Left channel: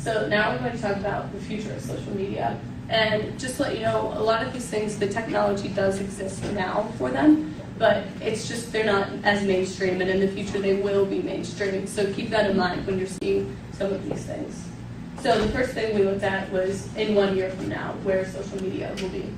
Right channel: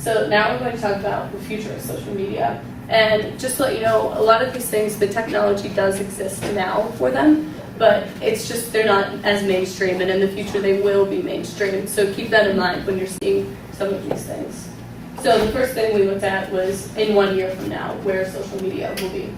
So now I'm going to talk about the future of social media. And just to let you know, a lot of these things, the technology does exist now for them, but it's just they're not as mainstream, and in the future they will be mainstream. So keep that in mind when you're seeing some of these things. So the first thing we looked at was in 1 year from now, where social media will be.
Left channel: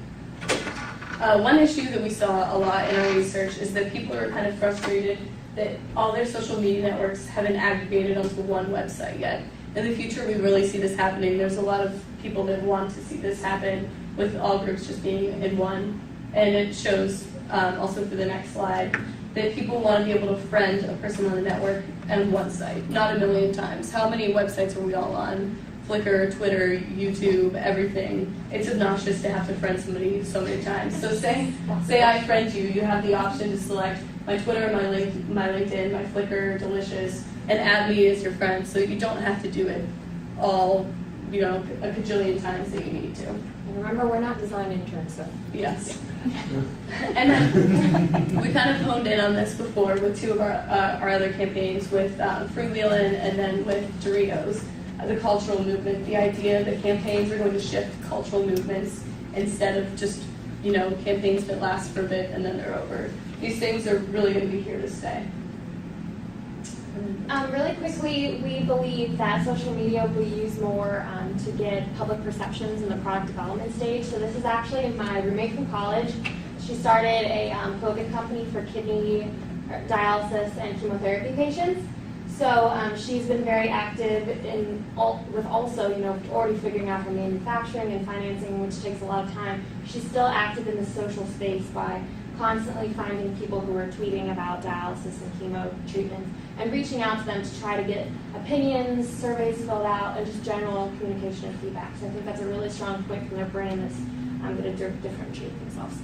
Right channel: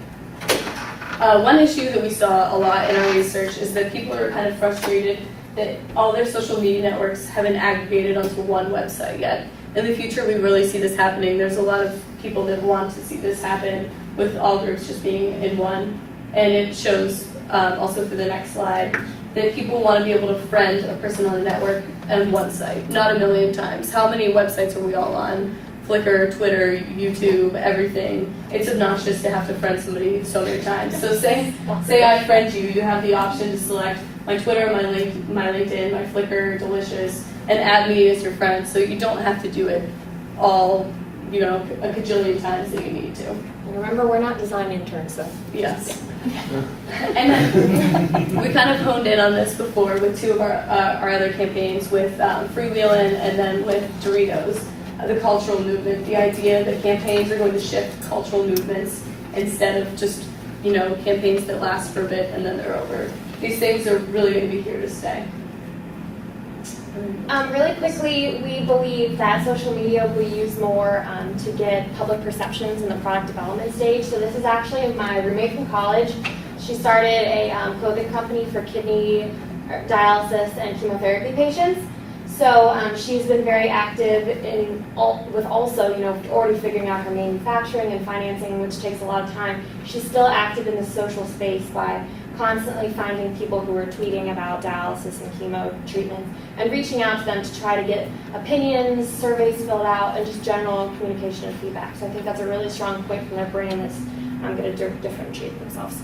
One issue that we saw a lot in our research is that people are kind of frustrated that all their social media networks haven't aggregated onto one website yet. In the future, we really see this happening. There's a lot of people that want to see this happen with all groups just being in one. And it shows, also for the next slide, that people want to be able to friend a person on the network on one site, not a million times. How many websites are we all on? Flickr, Twitter, YouTube, everything. It's obnoxious to have to friend somebody so many times. So say I friend you, you have the option to select my Twitter, my LinkedIn, my Flickr, Delicious, and add me as your friend. So you don't have to do it all, a kajillion times that you need to. And remember, we're not design interns, so. Yes. And then we kind of honed in on this before with two of our other campaigns with Freewheelin' and then with Doritos. The cultural movement, the idea that campaigns are going to shift cultural movements instead of just, campaigns that last for a bit and then they're over. These things are really going to be here to stay. Really quickly, we believe that social media will be used more to get public perceptions in the product development stage. So this is actually my roommate from college. She started a clothing company for kidney dialysis and chemotherapy patients. So she's been very active with also, already figuring out her manufacturing and financing, which takes a lot of time. She's still active in the social space by constantly finding people who are tweeting about dialysis and chemo treatments and reaching out to them to try to get opinions, surveys filled out, and just general communication and feedback. So I think that's a really strong point from their brain that's going to differentiate themselves.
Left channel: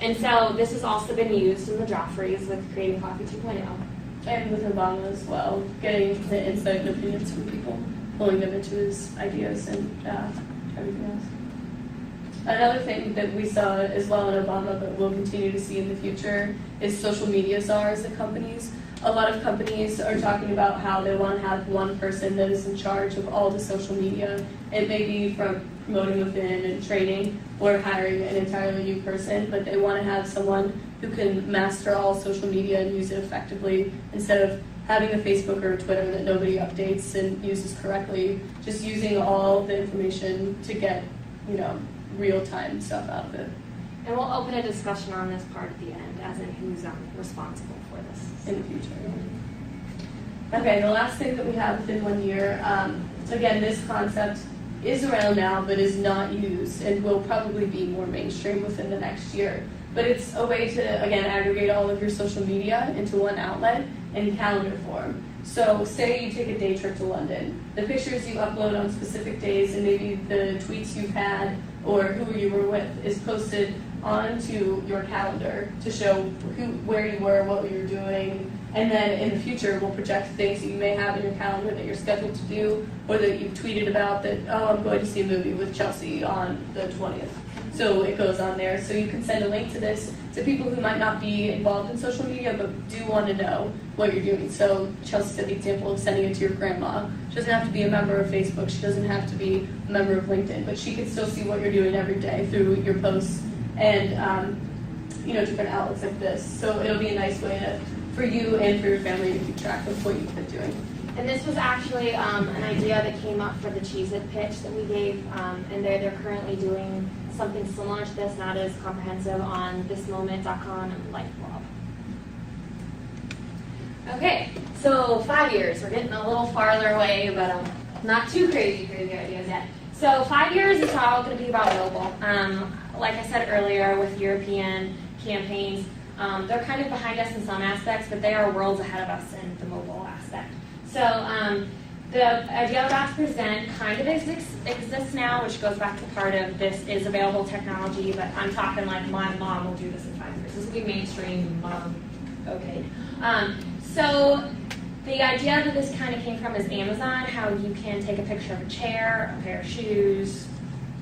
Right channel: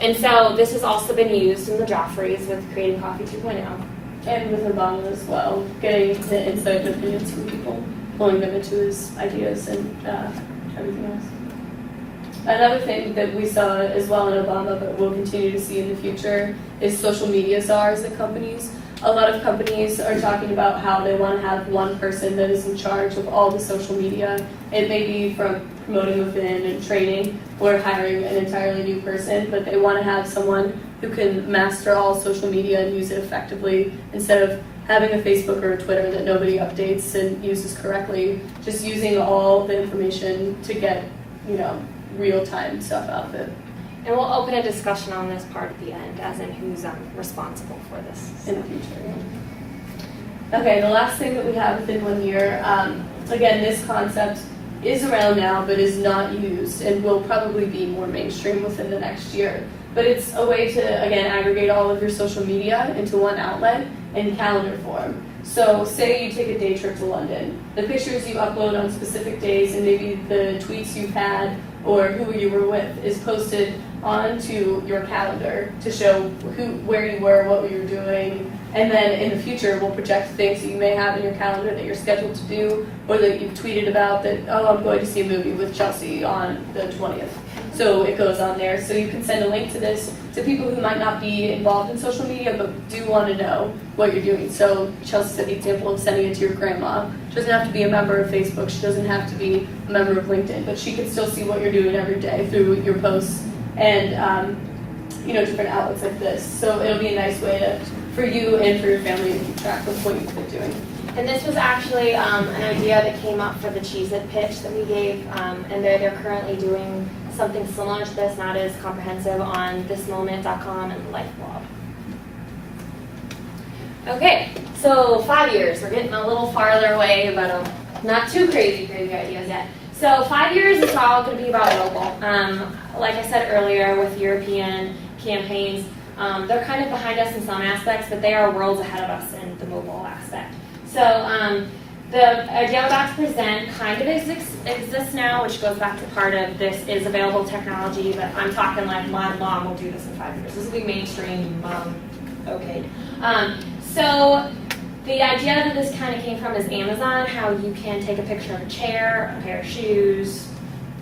And so this has also been used in the Joffreys with Creating Coffee 2.0. And with Obama as well, getting the insight and opinions from people, pulling them into his ideas and everything else. Another thing that we saw as well in Obama, but we'll continue to see in the future, is social media czars at companies. A lot of companies are talking about how they want to have one person that is in charge of all the social media. It may be from promoting within and training or hiring an entirely new person, but they want to have someone who can master all social media and use it effectively instead of having a Facebook or a Twitter that nobody updates and uses correctly, just using all the information to get, real-time stuff out of it. And we'll open a discussion on this part at the end, as in who's responsible for this. In the future. Okay, the last thing that we have within 1 year, again, this concept is around now but is not used and will probably be more mainstream within the next year. But it's a way to, again, aggregate all of your social media into one outlet in calendar form. So say you take a day trip to London. The pictures you upload on specific days and maybe the tweets you've had or who you were with is posted onto your calendar to show where you were, what you were doing, and then in the future we'll project things that you may have in your calendar that you're scheduled to do or that you've tweeted about that, I'm going to see a movie with Chelsea on the 20th. So it goes on there. So you can send a link to this to people who might not be involved in social media but do want to know what you're doing. So Chelsea said the example of sending it to your grandma. She doesn't have to be a member of Facebook. She doesn't have to be a member of LinkedIn, but she can still see what you're doing every day through your posts and different outlets like this. So it'll be a nice way for you and for your family to keep track of what you've been doing. And this was actually an idea that came up for the Cheez-It pitch that we gave, and they're currently doing something similar to this, not as comprehensive, on thismoment.com and the Life blog. Okay, so 5 years. We're getting a little farther away, but not too crazy ideas yet. So 5 years is all going to be about mobile. Like I said earlier, with European campaigns, they're kind of behind us in some aspects, but they are worlds ahead of us in the mobile aspect. So the idea I'm about to present kind of exists now, which goes back to part of this is available technology, but I'm talking like my mom will do this in 5 years. This will be mainstream, okay. So the idea that this kind of came from is Amazon, how you can take a picture of a chair, a pair of shoes,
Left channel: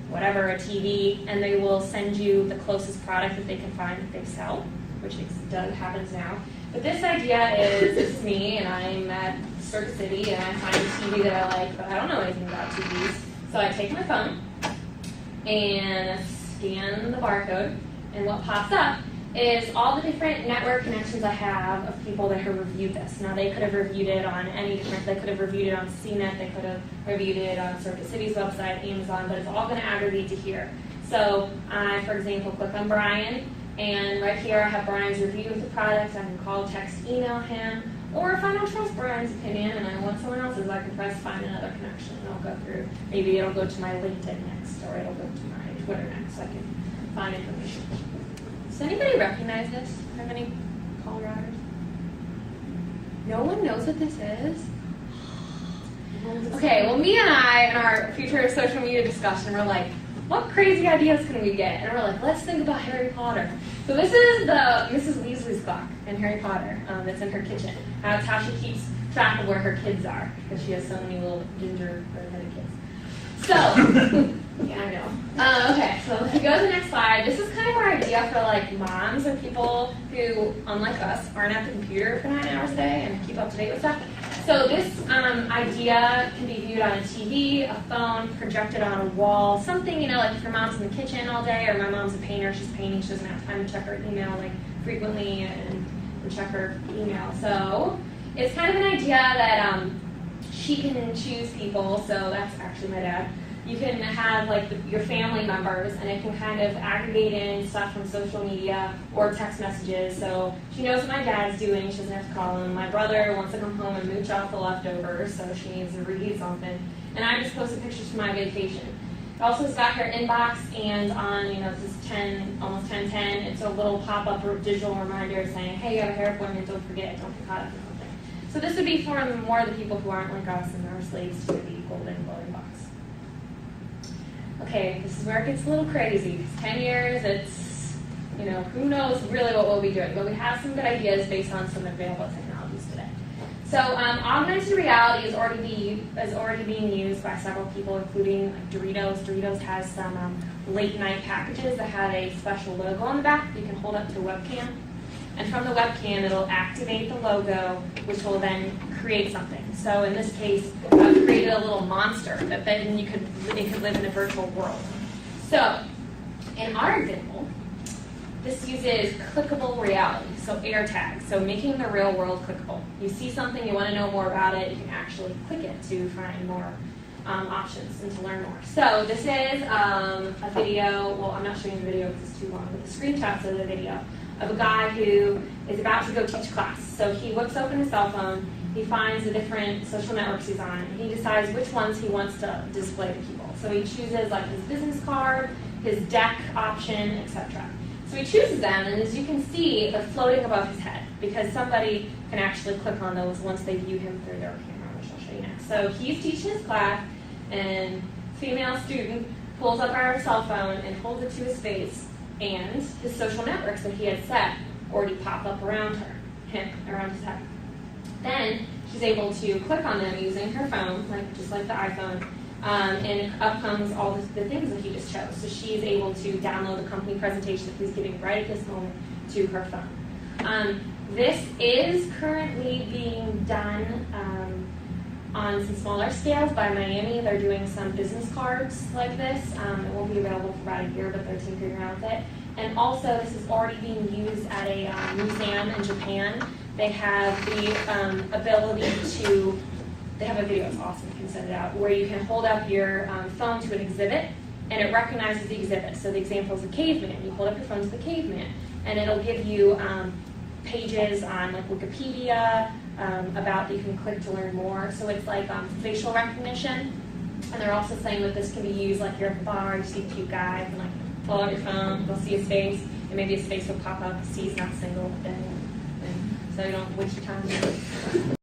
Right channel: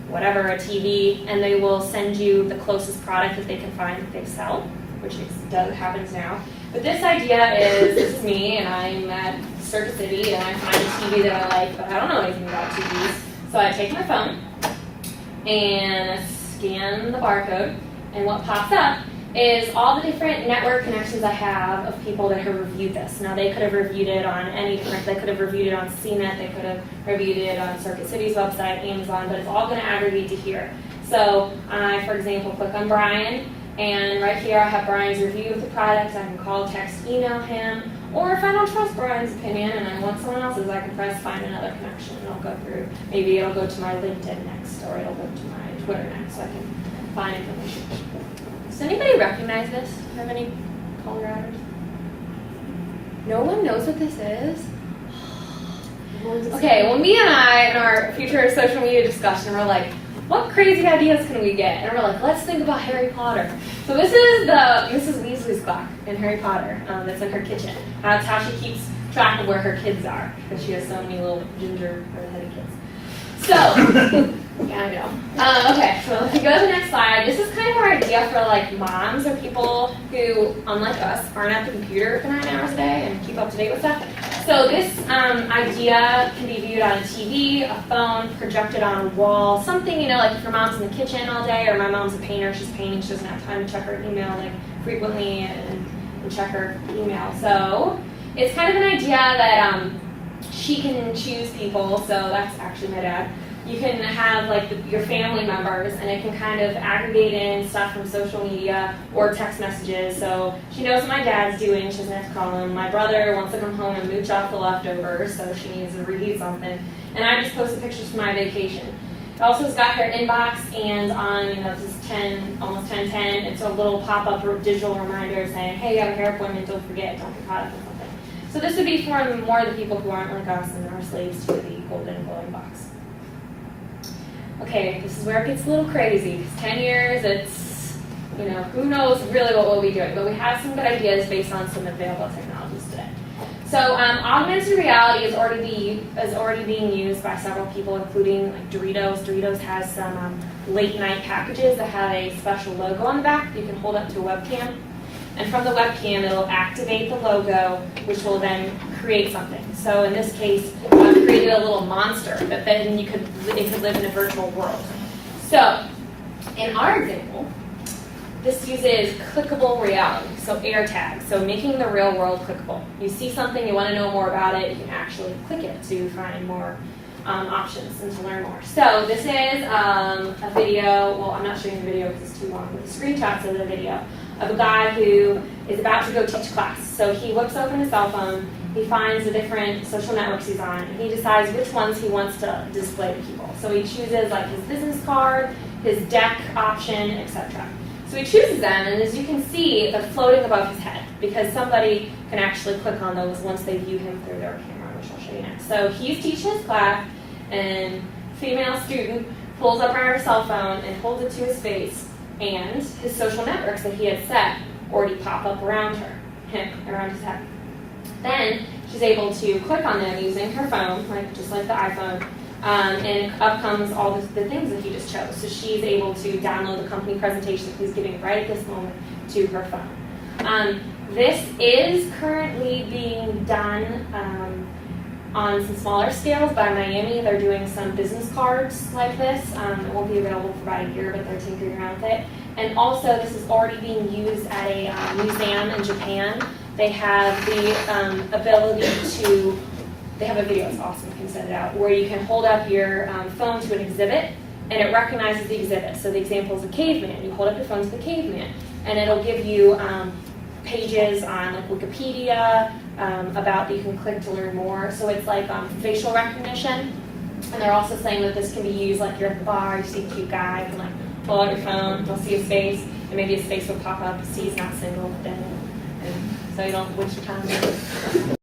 whatever, a TV, and they will send you the closest product that they can find that they sell, which happens now. But this idea is, this is me, and I'm at Circuit City, and I find a TV that I like, but I don't know anything about TVs. So I take my phone and scan the barcode, and what pops up is all the different network connections I have of people that have reviewed this. Now they could have reviewed it on any different, they could have reviewed it on CNET, they could have reviewed it on Circuit City's website, Amazon, but it's all going to aggregate to here. So I, for example, click on Brian, and right here I have Brian's review of the product. I can call, text, email him, or if I don't trust Brian's opinion and I want someone else's, I can press find another connection, and I'll go through. Maybe it'll go to my LinkedIn next, or it'll go to my Twitter next, so I can find information. Does anybody recognize this? Do you have any Coloraders? No one knows what this is? Okay, well, me and I, in our future social media discussion, we're like, what crazy ideas can we get? And we're like, let's think about Harry Potter. So this is the Mrs. Weasley's clock in Harry Potter that's in her kitchen. That's how she keeps track of where her kids are, because she has so many little ginger redheaded kids. So, yeah, I know. Okay, so if you go to the next slide, this is kind of our idea for like moms or people who, unlike us, aren't at the computer for 9 hours a day and keep up to date with stuff. So this idea can be viewed on a TV, a phone, projected on a wall, something, you know, like if your mom's in the kitchen all day, or my mom's a painter, she's painting, she doesn't have time to check her email like frequently and check her email. So it's kind of an idea that she can choose people, so that's actually my dad. You can have like your family members, and it can kind of aggregate in stuff from social media or text messages. So she knows what my dad's doing, she doesn't have to call him. My brother wants to come home and mooch off the leftovers, so she needs to reheat something. And I just posted pictures from my vacation. It also has got her inbox, and on, you know, this is 10, almost 10:10, it's a little pop-up digital reminder saying, hey, you have a hair appointment, don't forget, don't get caught up in something. So this would be for more of the people who aren't like us and are slaves to the golden glowing box. Okay, this is where it gets a little crazy. 10 years, it's, you know, who knows really what we'll be doing, but we have some good ideas based on some available technologies today. So augmented reality is already being used by several people, including like Doritos. Doritos has some late night packages that have a special logo on the back you can hold up to a webcam. And from the webcam, it'll activate the logo, which will then create something. So in this case, created a little monster that then it could live in a virtual world. So in our example, this uses clickable reality, so AirTag, so making the real world clickable. You see something, you want to know more about it, you can actually click it to find more options and to learn more. So this is a video, well, I'm not showing the video because it's too long, but the screenshots of the video of a guy who is about to go teach class. So he whips open his cell phone, he finds the different social networks he's on, and he decides which ones he wants to display to people. So he chooses like his business card, his deck option, etc. So he chooses them, and as you can see, they're floating above his head because somebody can actually click on those once they view him through their camera, which I'll show you next. So he's teaching his class, and female student pulls up her cell phone and holds it to his face, and his social networks that he had set already pop up around her, around his head. Then she's able to click on them using her phone, just like the iPhone, and up comes all the things that he just chose. So she's able to download the company presentation that he's giving right at this moment to her phone. This is currently being done on some smaller scales by Miami. They're doing some business cards like this. It won't be available for about a year, but they're tinkering around with it. And also, this is already being used at a museum in Japan. They have the ability to, they have a video, it's awesome, you can send it out, where you can hold up your phone to an exhibit, and it recognizes the exhibit. So the example is a caveman. You hold up your phone to the caveman, and it'll give you pages on like Wikipedia about that you can click to learn more. So it's like facial recognition, and they're also saying that this can be used like you're at the bar, you see a cute guy, you can like pull out your phone, you'll see his face, and maybe his face will pop up, see he's not single, then, and so you don't waste your time.